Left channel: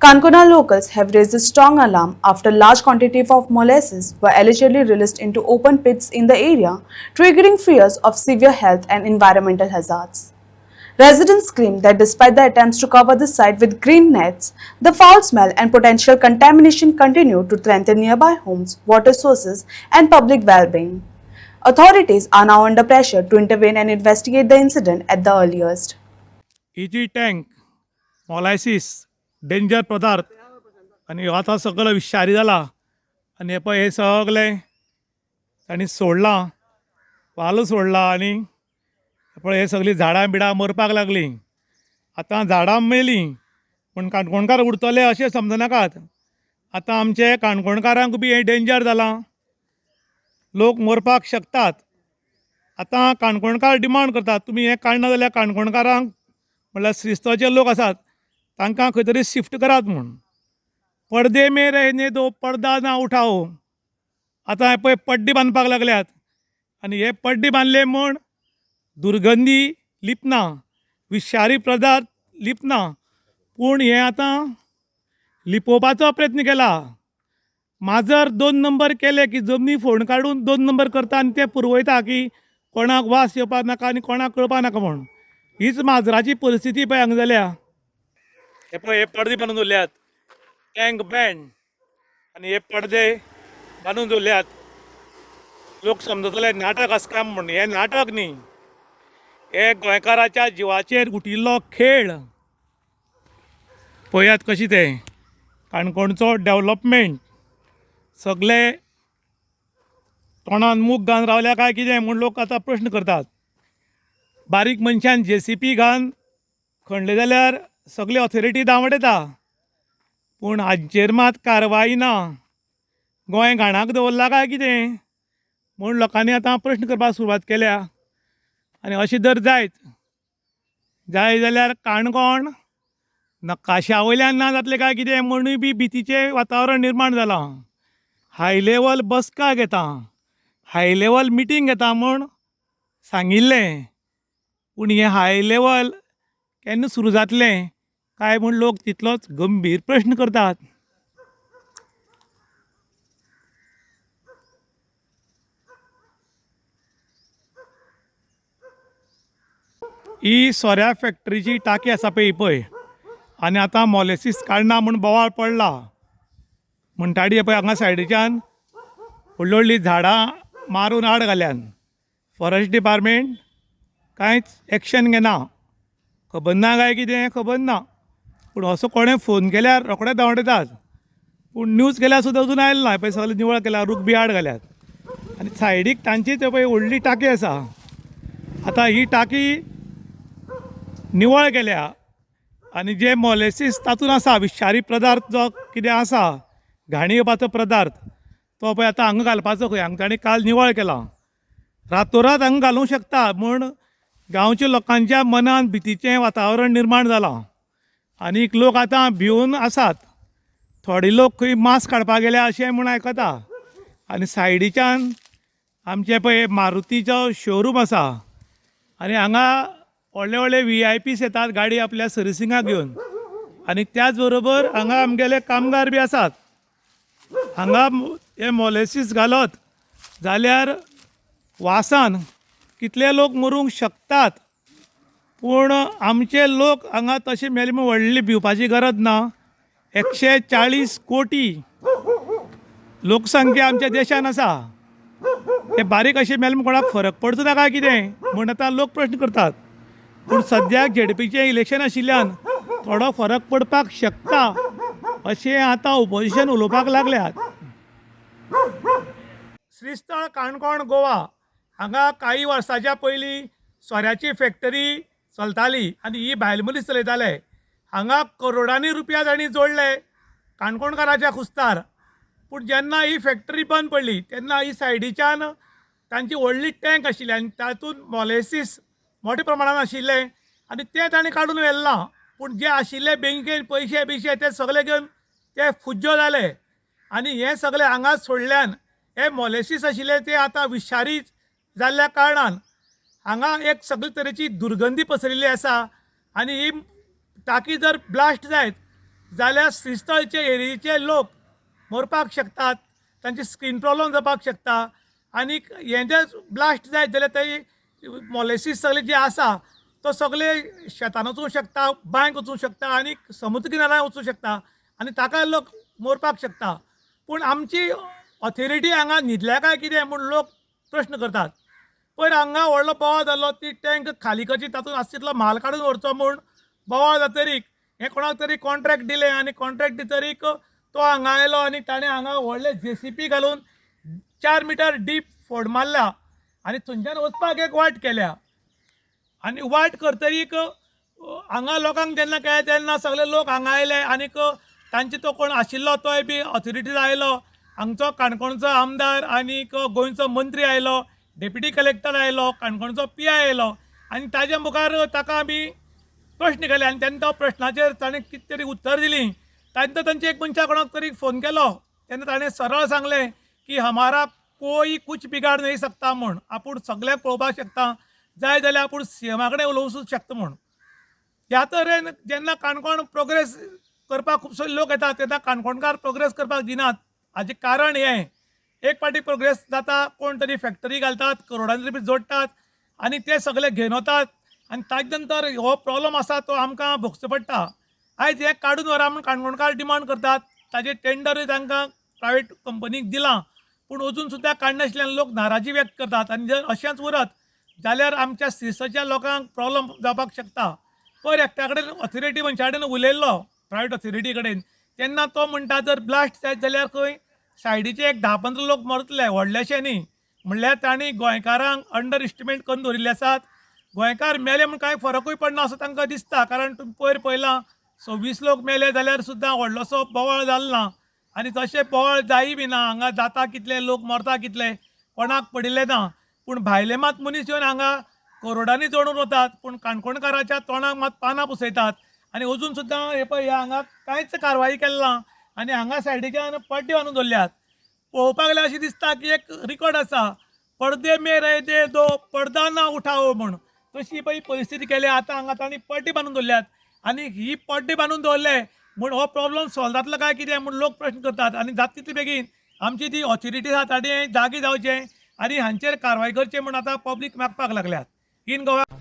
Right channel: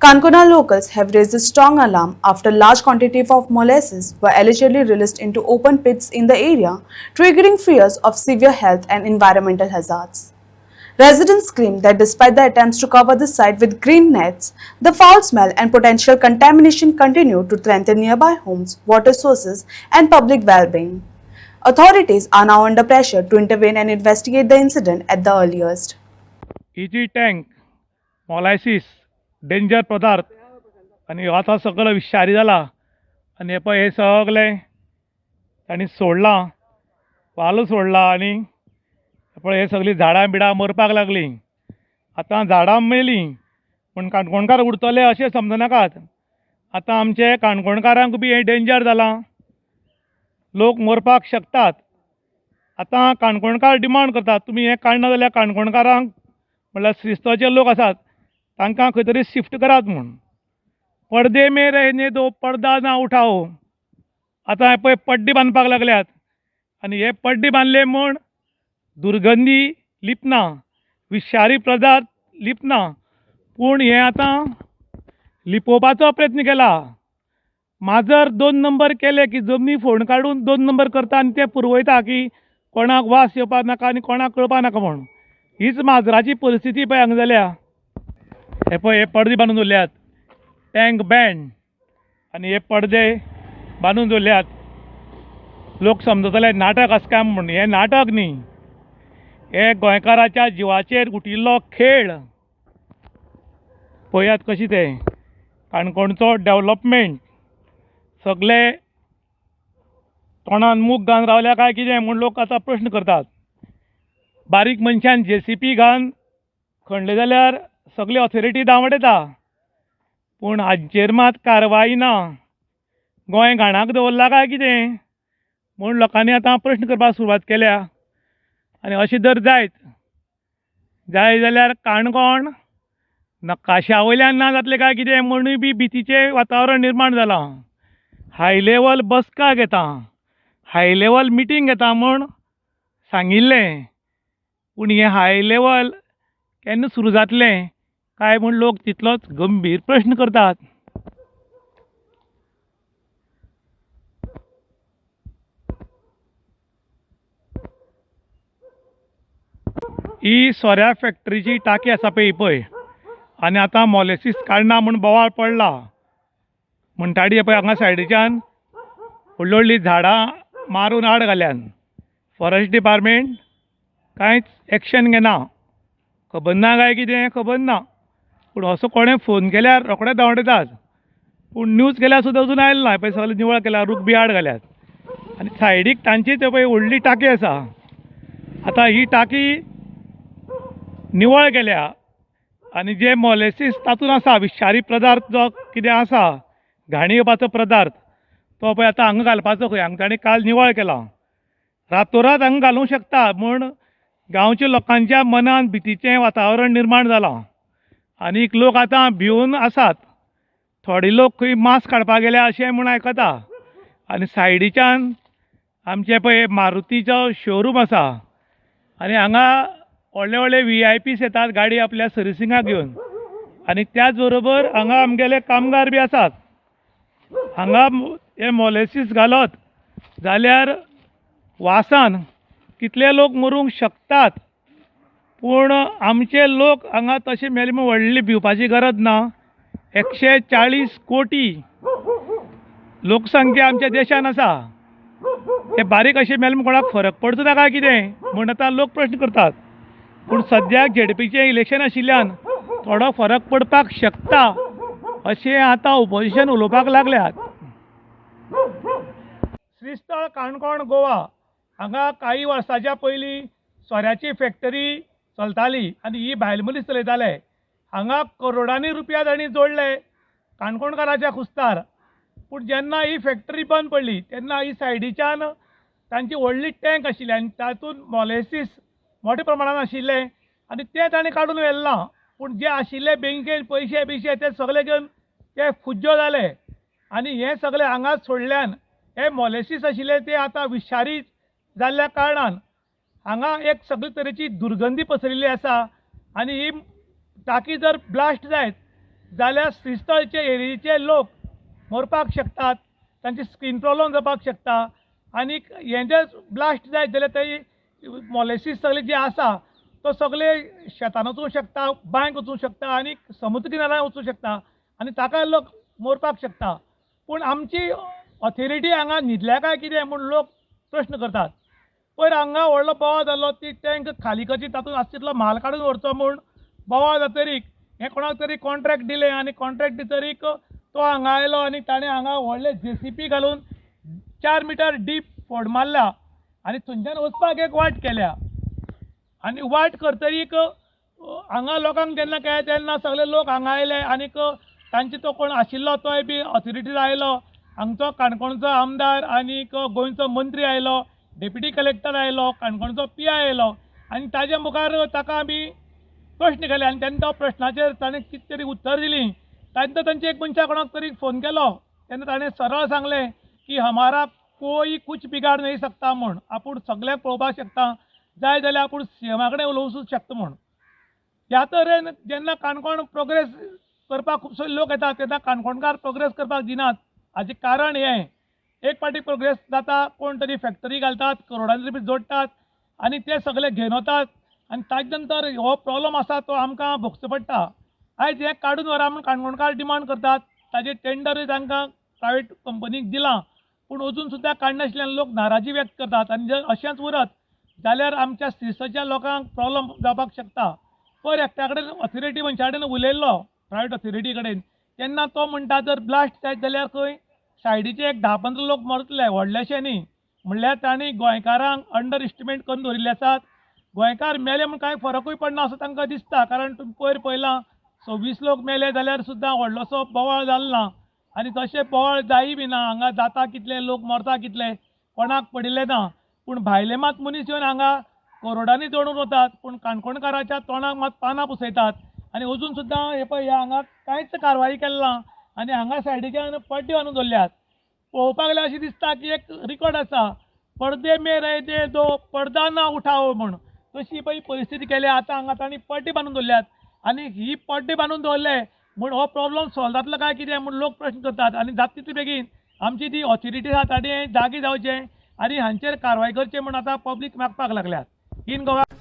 Kankuna locals have raised a strong alarm after large quantities of molasses were allegedly released into open pits in the area, triggering fears of severe health and environmental hazards. Residents claim that despite the attempts to cover the site with green nets, the foul smell and potential contamination continue to threaten nearby homes, water sources, and public well-being. Authorities are now under pressure to intervene and investigate the incident at the earliest. इजी tank molasses danger पदार्थ आणि ह्यो आतां सगळो विषारी जाला आनी हे सगळें तांणी सोडलां वाल सोडला आनी हे सगळीं झाडां बिडां मरपाक लागलीं. आतां झाडां मेलीं पूण काणकोणकार उरतले अशें समजनाकात. आतां आमचे काणकोणकारांक बी हें डेंजर जालां. लोक मरपाक शकतात. आतां काणकोणकार डिमांड करतात तुमी हें काडना जाल्यार काणकोणकारांक म्हणल्यार श्रीस्थाचे लोक आसात तांकां खंय तरी शिफ्ट करात म्हूण. पडदे में रहने दो पर्दा ना उठाओ. आतां पळय पड्डे बांदपाक लागल्यात आनी हे पड्डे बांदले म्हूण दुर्गंधी लिपना, विशारी पदार्थ लिपना, पूण हें आतां लिपोवपाचो प्रयत्न केला. माजर 2 नंबर केले की जमनी फोड काडून 2 नंबर करता आनी ते पुरवयता की कोणाक वास येवपाक नाका आनी कोणाक कळपाक नाका म्हूण. हीच माजराची परिस्थिती पळय हांगा जाल्या. हे पडदे बांदून दवरल्यात, टँक बँड आनी हे पडदे बांदून दवरल्यात. लोक समजतले नाटक आसा काय म्हूण. हें नाटक न्ही, हे गोंयकाराच्या जिवाचेर उटिल्लो खेळ. पळयात कशी तें काणकोणचो डेवलॉपमेंट सगळे तोंडान मूग घालून रावल्या काय कितें म्हूण लोक आतां प्रश्न करतात. बारीक मनशान JCP घालून खणले जाल्यार सगळी ऑथॉरिटी दावडयता पूण हाचेर मात कारवाई ना. गोंय घाणाक दवरला काय कितें म्हूण लोकांनी आतां प्रश्न करपाक सुरवात केल्या. आनी अशें जर जायत जाल्यार काणकोण नकाशा वयल्यान ना जातलें काय कितें म्हणूय बी भितीचें वातावरण निर्माण जालां. हाय लेवल बसका घेता, हाय लेवल मिटींग घेता म्हूण सांगिल्लें पूण हें हाय लेवल केन्ना सुरू जातलें काय म्हूण लोक तितलोच गंभीर प्रश्न करतात. ही सोऱ्या फॅक्टरीची टाकी आसा पळय आनी आतां मॉलेसीस काडना म्हूण बोवाळ पडला. म्हणटाडी पळय हांगा सायडीच्यान व्हडलीं व्हडलीं झाडां मारून आड घाल्यात. फॉरेस्ट डिपार्टमेंट कांयच एक्शन घेना. खबर ना काय कितें खबर ना पूण असो कोणें फोन केल्यार रोखडेच धांवडयतात. पूण न्यूज केल्यार सुद्दां अजून आयले ना. पळय सगळें निवळ केल्या, रूख बी आड घाल्यात आनी सायडीक तांची ते पळय व्हडली टाकी आसा. आतां ही टाकी निवळ केल्या आनी जे मॉलेसीस तातूंत आसा विशारी पदार्थ जो कितें आसा घाणी येवपाचो पदार्थ तो पळय आतां हांगा घालपाचो खंय. हांगा ताणें काल निवळ केला. रातोरात हांगा घालूंक शकता म्हूण गांवच्या लोकांच्या मनान भितीचें वातावरण निर्माण जालां आनीक लोक आतां भिवून आसात. थोडे लोक खंय मांस काडपाक गेल्या अशें म्हूण आयकता. आनी सायडीच्यान आमचे पळय मारुतीचो शोरूम आसा आनी हांगा व्हडले व्हडले VIPs येतात गाडी आपल्या सर्विसिंगाक घेवन आनी त्याच बरोबर हांगा आमगेले कामगार बी आसात. हांगा हे मॉलेसीस घालत जाल्यार वासान कितले लोक मरूंक शकतात. पूण आमचे लोक हांगा तशें मेले म्हूण व्हडली भिवपाची गरज ना. 140 कोटी लोकसंख्या आमच्या देशान आसा. हे बारीक अशें मेले म्हूण कोणाक फरक पडचो ना काय कितें म्हूण आतां लोक प्रश्न करतात. पूण सद्याक ZDPचें इलेक्शन आशिल्ल्यान थोडो फरक पडपाक शकता अशें आतां ओपोजिशन उलोवपाक लागल्यात. श्रीस्थळ काणकोण गोवा हांगा काही वर्सांच्या पयलीं सोऱ्याची फॅक्टरी चलताली आनी ही भायल मनीस चलयताले. हांगा करोडांनी रुपया तांणी जोडले काणकोणकाराच्या कुस्तार. पूण जेन्ना ही फॅक्टरी बंद पडली तेन्ना ही सायडीच्यान तांची व्हडली टँक आशिल्ली आनी तातूंत मॉलेसीस मोठ्या प्रमाणान आशिल्ले आनी ते ताणें काडून व्हेल्लां. पूण जे आशिल्ले बँकेन पयशे बिशे ते सगळे घेवन ते फुज्यो जाले आनी हे सगळे हांगा सोडल्यान हे मॉलेसीस आशिल्ले ते आतां विशारी जाल्ल्या कारणान हांगा एक सगळे तरेची दुर्गंधी पसरिल्ली आसा. आनी ही टाकी जर ब्लास्ट जायत जाल्यार श्रीस्थळचे एरियेचे लोक मरपाक शकतात, तांची स्कीन प्रॉब्लम जावपाक शकता आनी हें जर ब्लास्ट जायत जाल्यार थंय मॉलेसीस सगळे जे आसा तो सगळे शेतान वचूंक शकता, बांयक वचूंक शकता आनी समुद्र किनाऱ्यार वचूंक शकता आनी ताका लोक मरपाक शकता. पूण आमची ऑथॉरिटी हांगा न्हिदल्या काय कितें म्हूण लोक प्रश्न करतात. पयर हांगा व्हडलो बोवाळ जाल्लो, ती टँक खाली करची, तातूंत आसा तितलो म्हाल काडून व्हरचो म्हूण बोवाळ जातरीक हें कोणाक तरी कॉन्ट्रॅक्ट दिलें आनी कॉन्ट्रॅक्ट दितरीक तो हांगा आयलो आनी ताणें हांगा व्हडले JCP घालून 4 मिटर डीप फोड मारल्या आनी थंयच्यान वचपाक एक वाट केल्या आनी वाट करतरीक हांगा लोकांक जेन्ना कळ्ळें तेन्ना सगळे लोक हांगा आयले आनीक तांचे तो कोण आशिल्लो तोय बी ऑथॉरिटीज आयलो, हांगचो काणकोणचो आमदार आनीक गोंयचो मंत्री आयलो, डेप्युटी कलेक्टर आयलो, काणकोणचो PI आयलो आनी ताज्या मुखार ताका आमी प्रश्न केले आनी तेन्ना तो प्रश्नाचेर ताणें कितें तरी उत्तर दिलीं. तेन्ना तांचे एक मनशा कोणाक तरी फोन केलो तेन्ना ताणें सरळ सांगलें की हमारा कोई कुछ बिगाड नहीं सकता म्हूण, आपूण सगळ्यांक पळोवपाक शकता, जाय जाल्यार आपूण CMा कडेन उलोवंक शकता म्हूण. ह्या तरेन जेन्ना काणकोण प्रोग्रेस करपाक खुबशे लोक येतात तेन्ना काणकोणकार प्रोग्रेस करपाक दिनात. हाजें कारण हें, एक फावटी प्रोग्रेस जाता, कोण तरी फॅक्टरी घालतात, करोडांनी रुपया जोडटात आनी ते सगळे घेवन वतात आनी ताजे नंतर हो प्रॉब्लम आसा तो आमकां भोगचो पडटा. आयज हें काडून व्हरा म्हूण काणकोणकार डिमांड करतात, ताजें टेंडरूय तांकां प्रायवेट कंपनीक दिलां पूण अजून सुद्दां काडनाशिल्ल्यान लोक नाराजी व्यक्त करतात आनी जर अशेंच उरत जाल्यार आमच्या श्रीस्थळच्या लोकांक प्रॉब्लम जावपाक शकता. पयर एकट्या कडेन ऑथॉरिटी मनशा कडेन उलयल्लो, प्रायवेट ऑथॉरिटी कडेन, तेन्ना तो म्हणटा जर ब्लास्ट जायत जाल्यार खंय सायडीचे एक 10-15 लोक मरतले, व्हडलेशे न्ही. म्हणल्यार तांणी गोंयकारांक अंडर एस्टिमेट करून दवरिल्ले आसात. गोंयकार मेले म्हूण कांय फरकूय पडना असो तांकां दिसता, कारण तुमी पयर पळयलां 26 लोक मेले जाल्यार सुद्दां व्हडलोसो बोवाळ जालो ना आनी तशें बोवाळ जायी बी ना. हांगा जाता कितले लोक मरता कितले कोणाक पडिल्ले ना. पूण भायले मात मनीस येवन हांगा करोडांनी जोडून वतात पूण काणकोणकाराच्या तोंडाक मात पानां पुसयतात आनी अजून सुद्दां हे पळय हांगा कांयच कारवाही केली ना आनी हांगा सायडीच्यान पड्डे बांदून दवरल्यात. पळोवपाक गेल्यार अशें दिसता की एक रिकॉर्ड आसा, पडदे में रह दे दो पडदा ना उठाओ म्हूण. तशी पळय परिस्थिती केली. आतां हांगा तांणी पड्डे बांदून दवरल्यात आनी ही पड्डे बांदून दवरले म्हूण हो प्रॉब्लम सॉल्व जातलो काय कितें म्हूण लोक प्रश्न करतात. आनी जाता तितले बेगीन आमची जी ऑथॉरिटी आसा ताणें जागी जावचें आनी हांचेर कारवाय करचें म्हूण आतां पब्लीक मागपाक लागल्यात. इन गोवा